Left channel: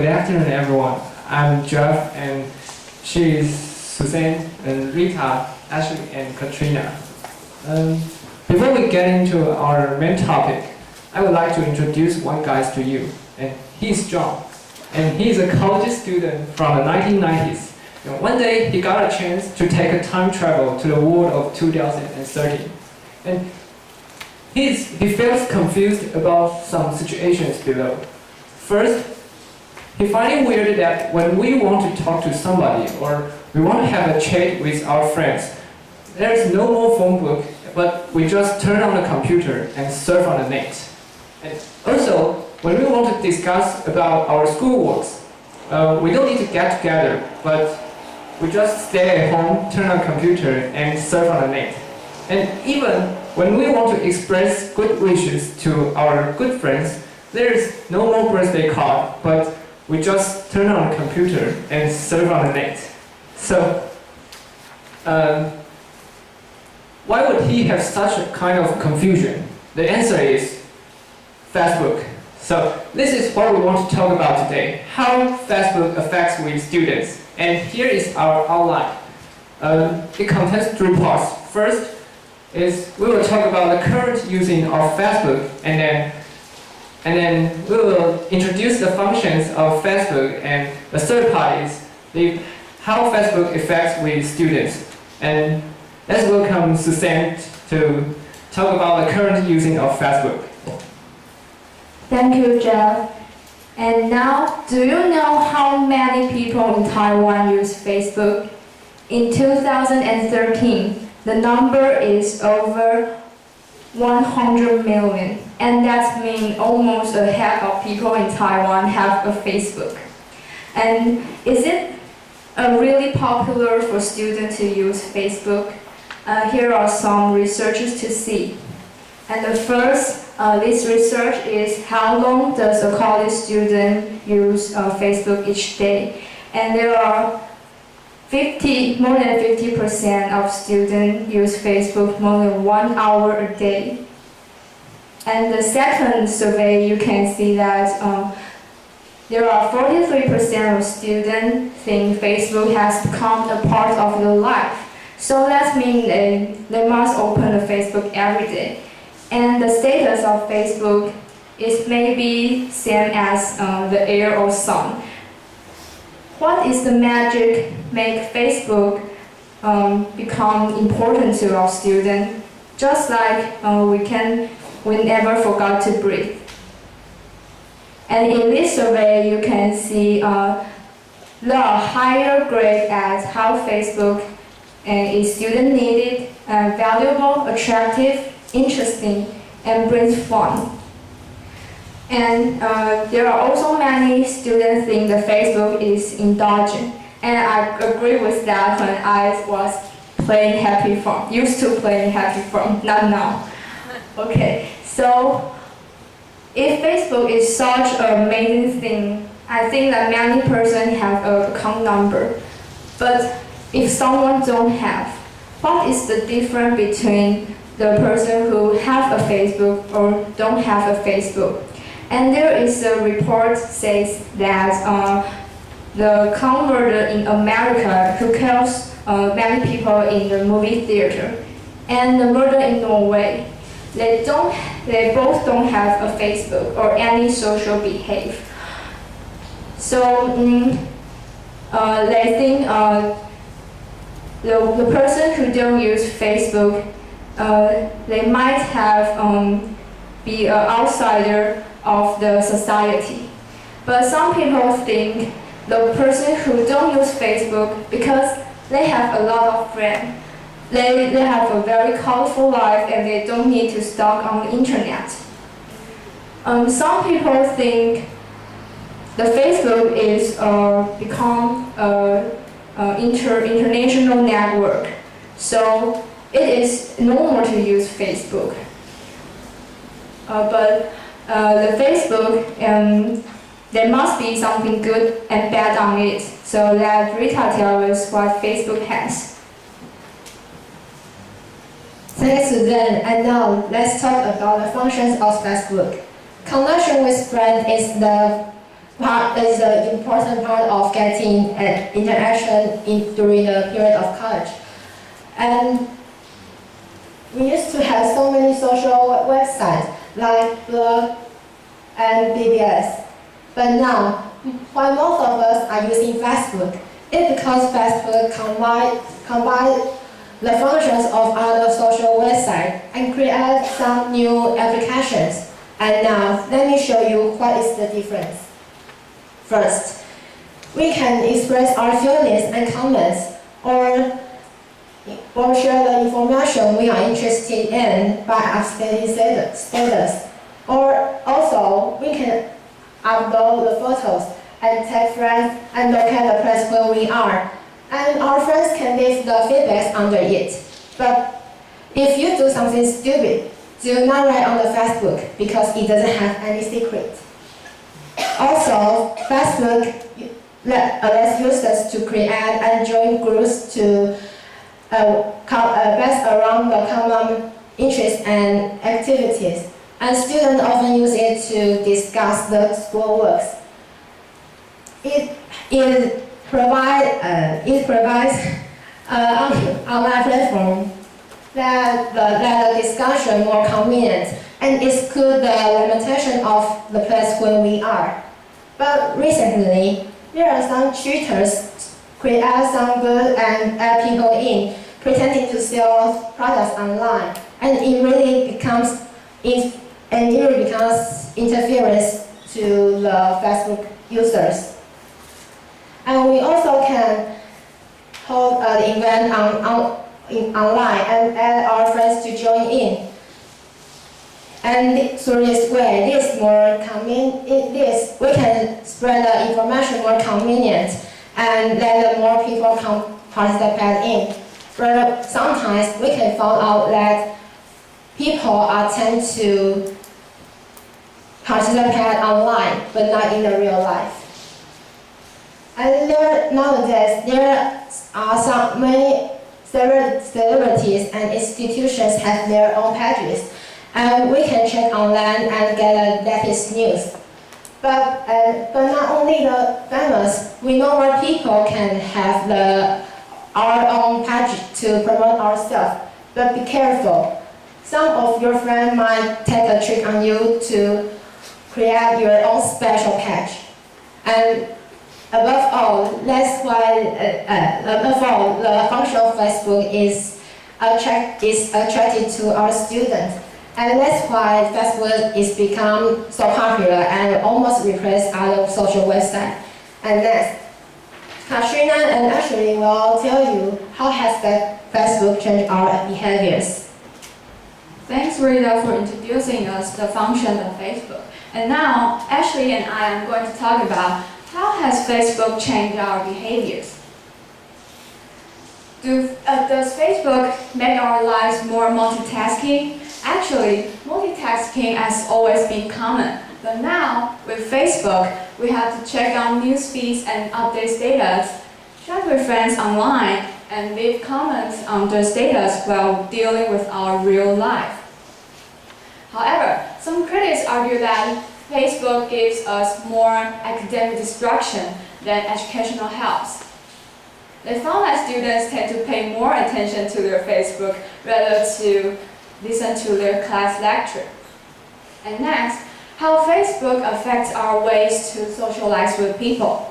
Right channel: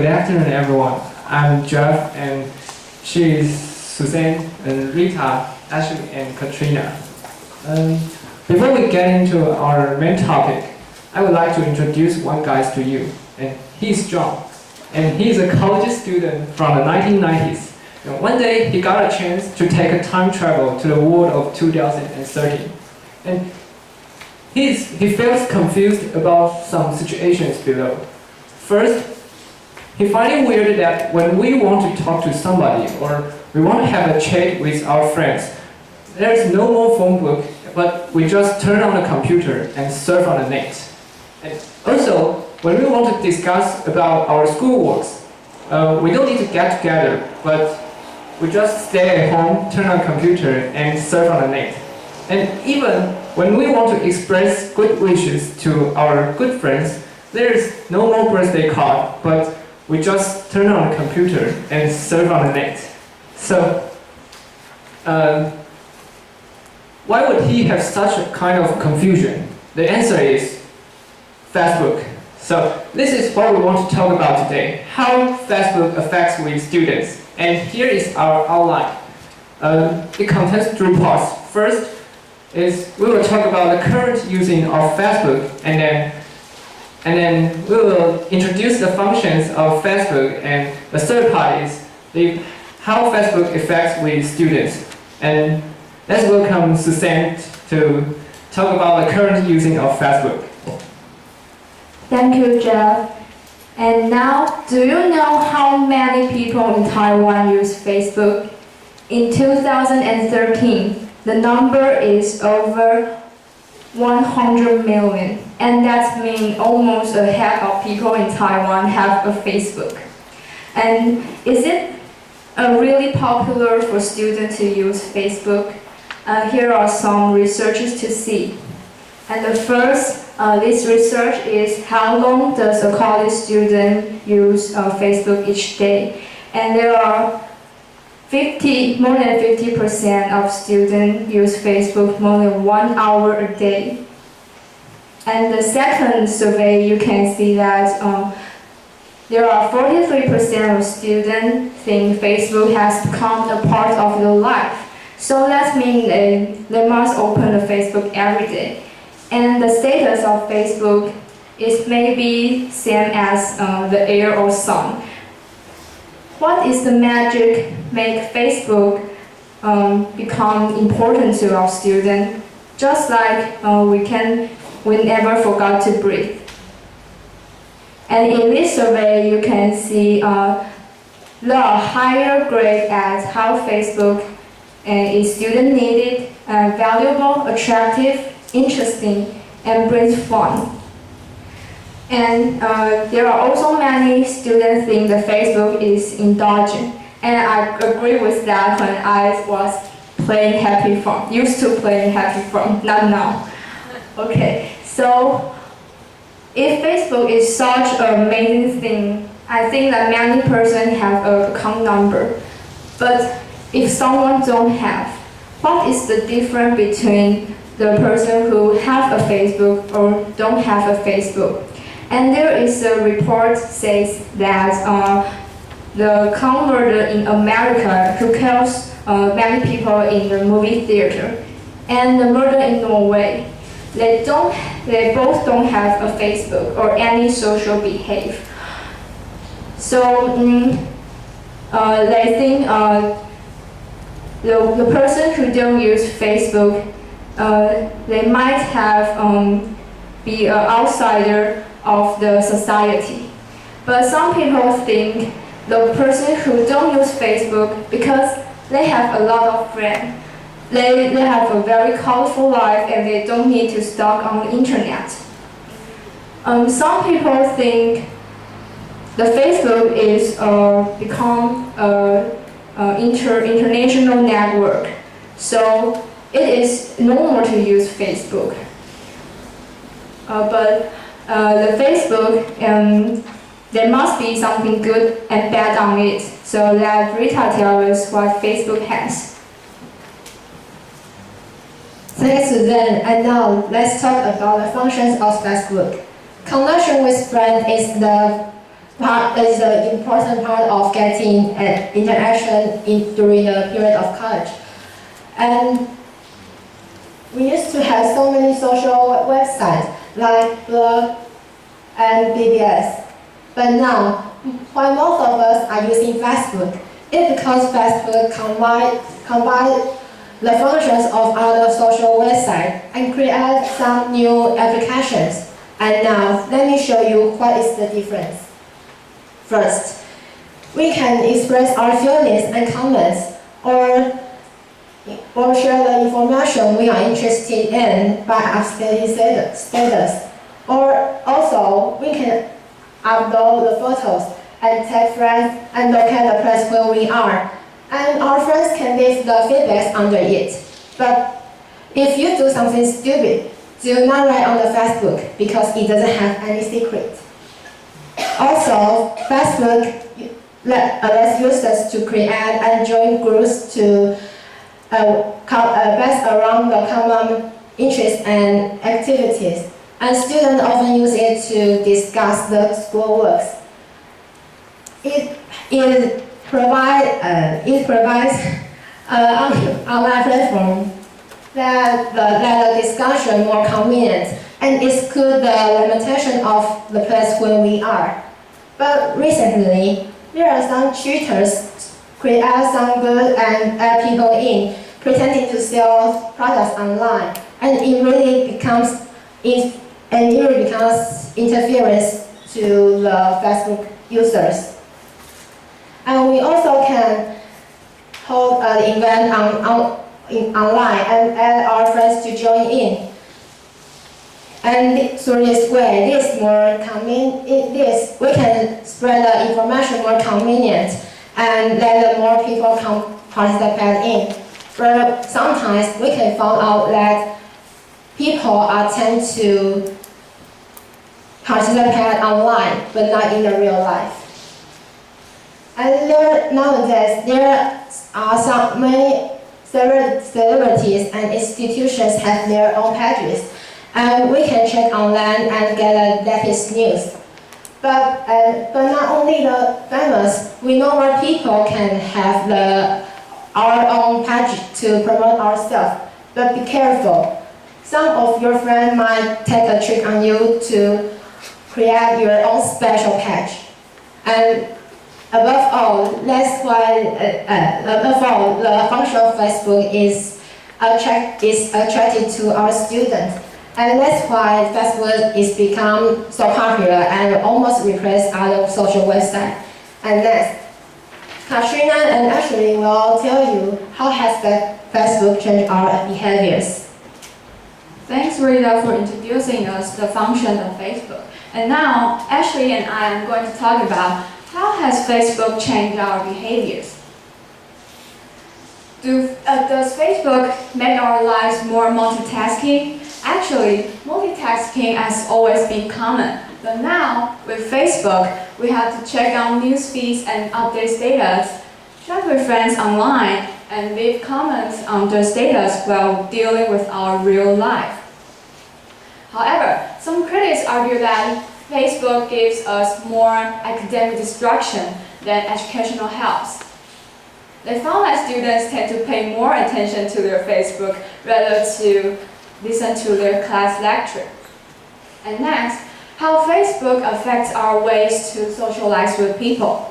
Good afternoon, everyone. I'm Jeff, and she is Suzanne, and Rita, Ashley, and Katrina. Before we get into our main topic, I would like to introduce one guy to you. And he's John, and he's a college student from the 1990s. And one day, he got a chance to take a time travel to the world of 2013. And he feels confused about some situations below. First, he finds it weird that when we want to talk to somebody or we want to have a chat with our friends, there is no more phone book, but we just turn on the computer and surf on the net. And also, when we want to discuss about our schoolworks, we don't need to get together, but we just stay at home, turn on the computer, and surf on the net. And even when we want to express good wishes to our good friends, there is no more birthday card, but we just turn on the computer and surf on the net. So, why would he have such a kind of confusion? The answer is Facebook. So, this is what we want to talk about today, how Facebook affects with students. And here is our outline. It contains 3 parts. First is we will talk about the current using of Facebook, and then we will introduce the functions of Facebook, and the third part is how Facebook affects with students. And let's welcome Suzanne to talk about the current using of Facebook. Thank you, Jeff. And now, do you know how many people in Taiwan use Facebook? In 2013, the number is over 100 million, and that means almost a half of people in Taiwan have a Facebook. And is it really popular for students to use Facebook? Here are some researches to see. And the first, this research is how long does a college student use Facebook each day? And there are more than 50% of students use Facebook more than 1 hour a day. And the second survey, you can see that there are 43% of students think Facebook has become a part of their life. So that means they must open the Facebook every day. And the status of Facebook is maybe same as the air or sun. What is the magic make Facebook become important to our students? Just like we never forgot to breathe. And in this survey, you can see there are higher grades at how Facebook is student needed, valuable, attractive, interesting, and brings fun. And there are also many students think that Facebook is indulgent. And I agree with that when I was playing Happy Farm, used to playing Happy Farm, not now. Okay, so if Facebook is such an amazing thing, I think that many persons have an account number. But if someone don't have, what is the difference between the person who have a Facebook or don't have a Facebook? And there is a report says that the converter in America who kills many people in the movie theater, and the murder in Norway, they both don't have a Facebook or any social behavior. So they think the person who don't use Facebook, they might have be an outsider of the society. But some people think the person who don't use Facebook because they have a lot of friends. They have a very colorful life and they don't need to stalk on the internet. Some people think the Facebook is become an international network. So it is normal to use Facebook. But the Facebook, there must be something good and bad on it. So let Rita tell us what Facebook has. Thanks, Suzanne. And now let's talk about the functions of Facebook. Connection with friends is the is an important part of getting interaction during the period of college. And we used to have so many social websites like blog and BBS. But now, while most of us are using Facebook, it's because Facebook combine the functions of other social websites and create some new applications. And now, let me show you what is the difference. First, we can express our feelings and comments or share the information we are interested in by updating status. Or also, we can upload the photos and tag friends and locate the place where we are. And our friends can leave the feedback under it. But if you do something stupid, do not write on the Facebook because it doesn't have any secret. Also, Facebook allows users to create and join groups to based around the common interests and activities. And students often use it to discuss the schoolwork. It provides an online platform that the discussion more convenient and exclude the limitation of the place where we are. But recently, there are some cheaters create some good and add people in, pretending to sell products online, and it really becomes interference to the Facebook users. And we also can hold an event online and add our friends to join in. And through this way, we can spread the information more convenient and let more people participate in. But sometimes we can find out that people tend to participate online, but not in the real life. And nowadays, there are many celebrities and institutions have their own pages, and we can check online and get the latest news. But not only the famous, we know more people can have our own page to promote ourselves. But be careful. Some of your friends might take a trick on you to create your own special page. And above all, the function of Facebook is attracted to our students. And that's why Facebook is become so popular and almost replaced other social websites. And next, Katrina and Ashley will tell you how has Facebook changed our behaviors. Thanks, Rita, for introducing us the function of Facebook. And now, Ashley and I am going to talk about how has Facebook changed our behaviors. Does Facebook make our lives more multitasking? Actually, multitasking has always been common. But now, with Facebook, we have to check on news feeds and update status, chat with friends online, and leave comments on their status while dealing with our real life. However, some critics argue that Facebook gives us more academic distraction than educational help. They found that students tend to pay more attention to their Facebook rather to listen to their class lecture. And next, how Facebook affects our ways to socialize with people.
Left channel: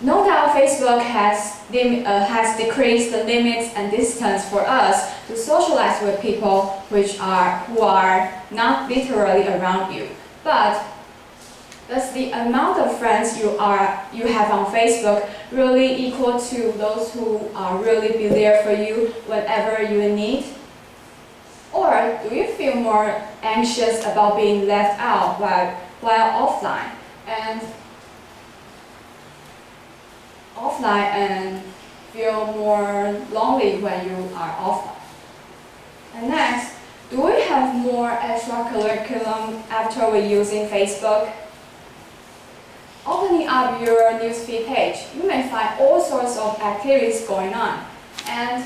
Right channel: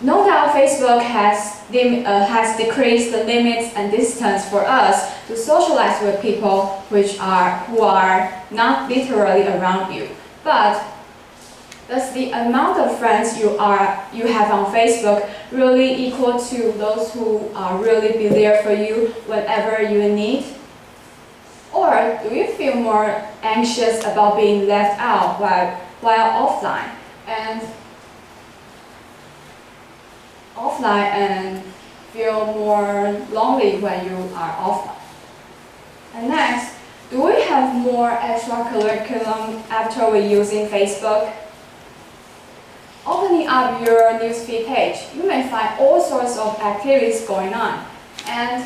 No doubt Facebook has decreased the limits and distance for us to socialize with people who are not literally around you. But does the amount of friends you have on Facebook really equal to those who really be there for you whenever you need? Or do you feel more anxious about being left out while offline and feel more lonely when you are offline? And next, do we have more extra curriculum after we're using Facebook? Opening up your newsfeed page, you may find all sorts of activities going on. And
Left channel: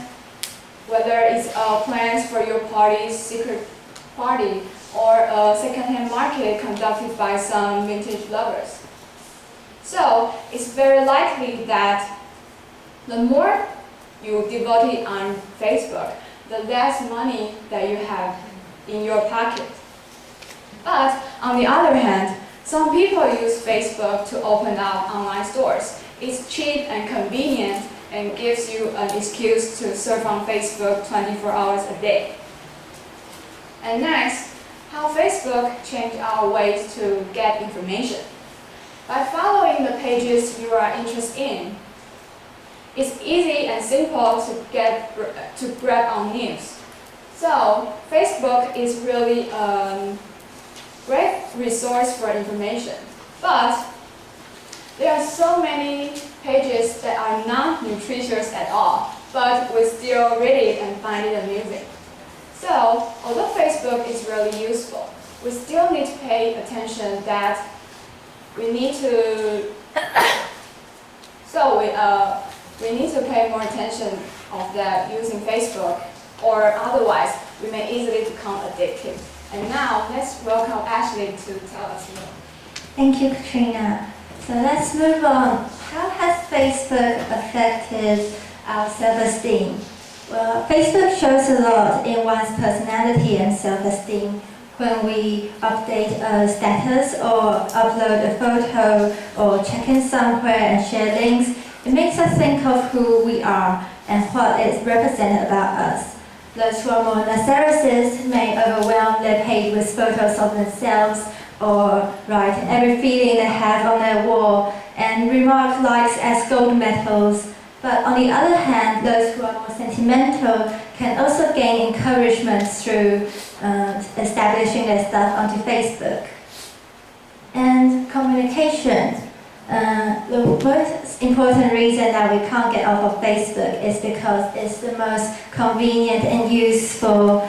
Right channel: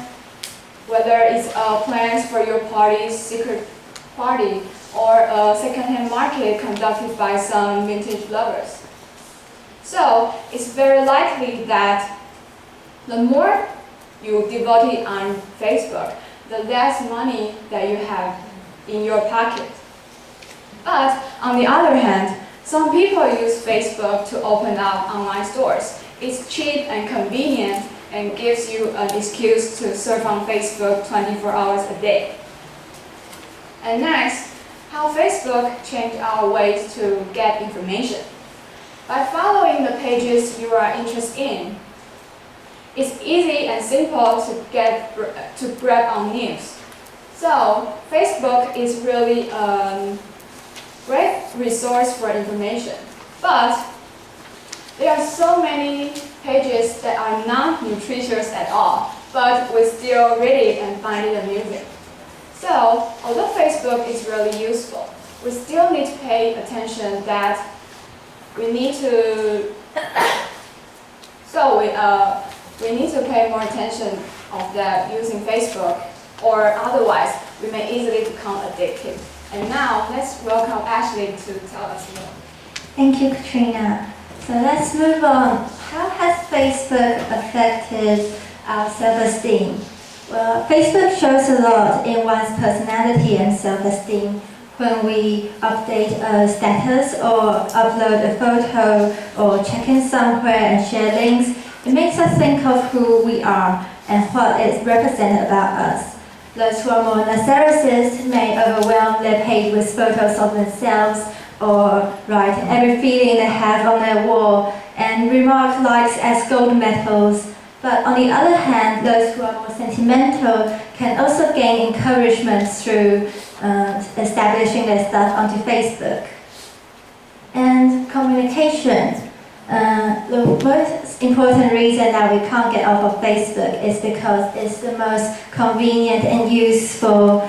whether it's plans for your party's secret party or a second-hand market conducted by some vintage lovers. So it's very likely that the more you devote it on Facebook, the less money that you have in your pocket. But on the other hand, some people use Facebook to open up online stores. It's cheap and convenient and gives you an excuse to surf on Facebook 24 hours a day. And next, how Facebook changed our ways to get information. By following the pages you are interested in, it's easy and simple to grab on news. So Facebook is really a great resource for information. But there are so many pages that are not nutritious at all, but we still read it and find it amusing. So, although Facebook is really useful, we still need to pay attention that we need to we need to pay more attention of that using Facebook, or otherwise we may easily become addicted. And now let's welcome Ashley to tell us more. Thank you, Katrina. So let's move on. How has Facebook affected our self-esteem? Well, Facebook shows a lot in one's personality and self-esteem. When we update a status or upload a photo or check in somewhere and share links, it makes us think of who we are and what it represents about us. Those who are more narcissists may overwhelm their page with photos of themselves or write every feeling they have on their wall and remark likes as gold medals. But on the other hand, those who are more sentimental can also gain encouragement through establishing their stuff onto Facebook. And communication. The most important reason that we can't get off of Facebook is because it's the most convenient and useful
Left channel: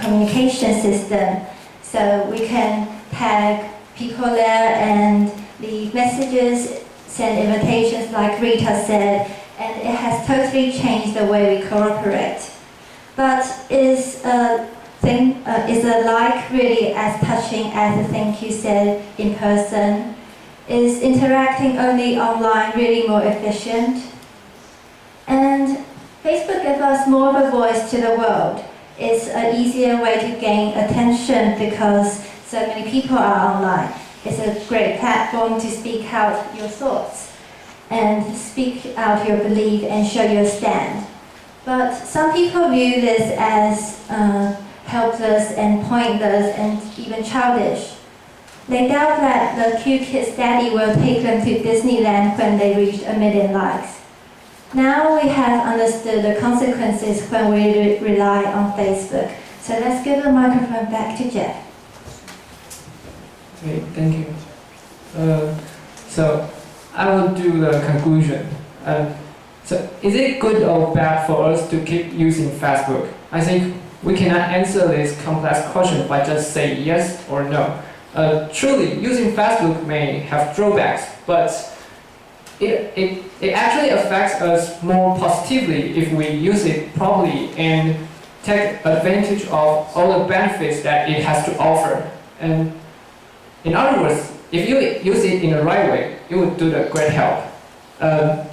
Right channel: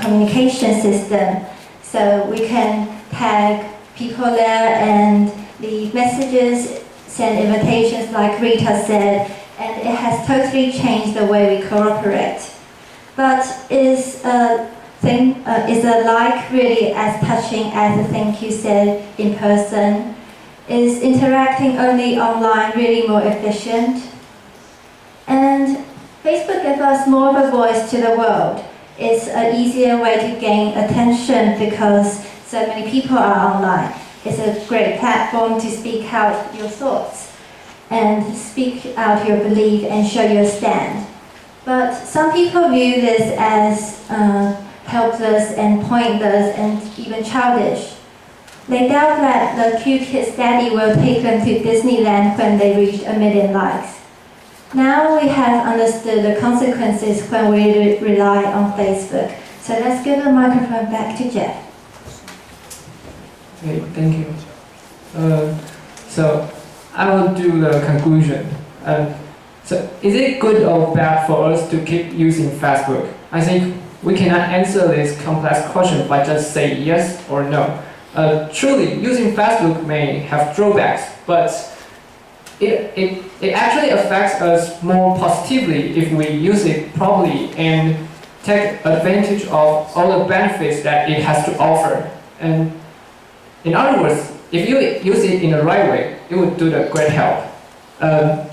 communication system. So we can tag people there and leave messages, send invitations like Rita said, and it has totally changed the way we cooperate. But is a like really as touching as the thing you said in person? Is interacting only online really more efficient? And Facebook gives us more of a voice to the world. It's an easier way to gain attention because so many people are online. It's a great platform to speak out your thoughts and speak out your belief and show your stand. But some people view this as helpless and pointless and even childish. They doubt that the cute kid's daddy will take them to Disneyland when they reach 1 million likes. Now we have understood the consequences when we rely on Facebook. So let's give the microphone back to Jeff. Okay, thank you. So I will do the conclusion. So is it good or bad for us to keep using Facebook? I think we cannot answer this complex question by just saying yes or no. Truly, using Facebook may have drawbacks, but it actually affects us more positively if we use it properly and take advantage of all the benefits that it has to offer. And in other words, if you use it in the right way, it would do the great help.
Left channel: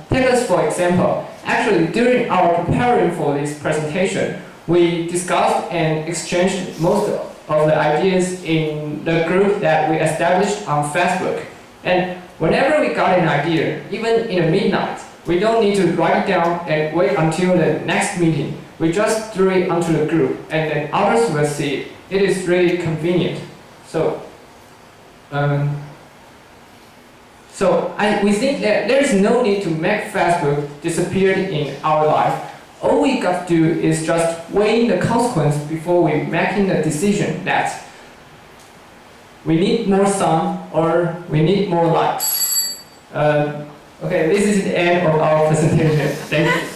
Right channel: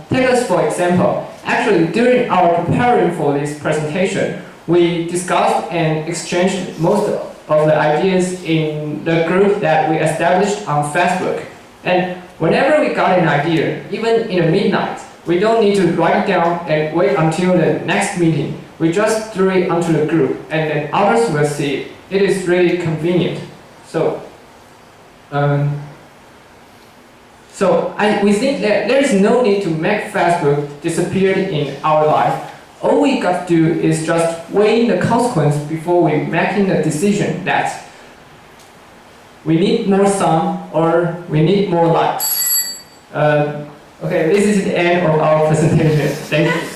Take us for example. Actually, during our preparing for this presentation, we discussed and exchanged most of the ideas in the group that we established on Facebook. And whenever we got an idea, even in the midnight, we don't need to write it down and wait until the next meeting. We just threw it onto the group and then others will see it. It is really convenient. We think that there is no need to make Facebook disappear in our life. All we got to do is just weigh the consequence before we making the decision that we need more sun or we need more likes. Okay, this is the end of our presentation. Thank you.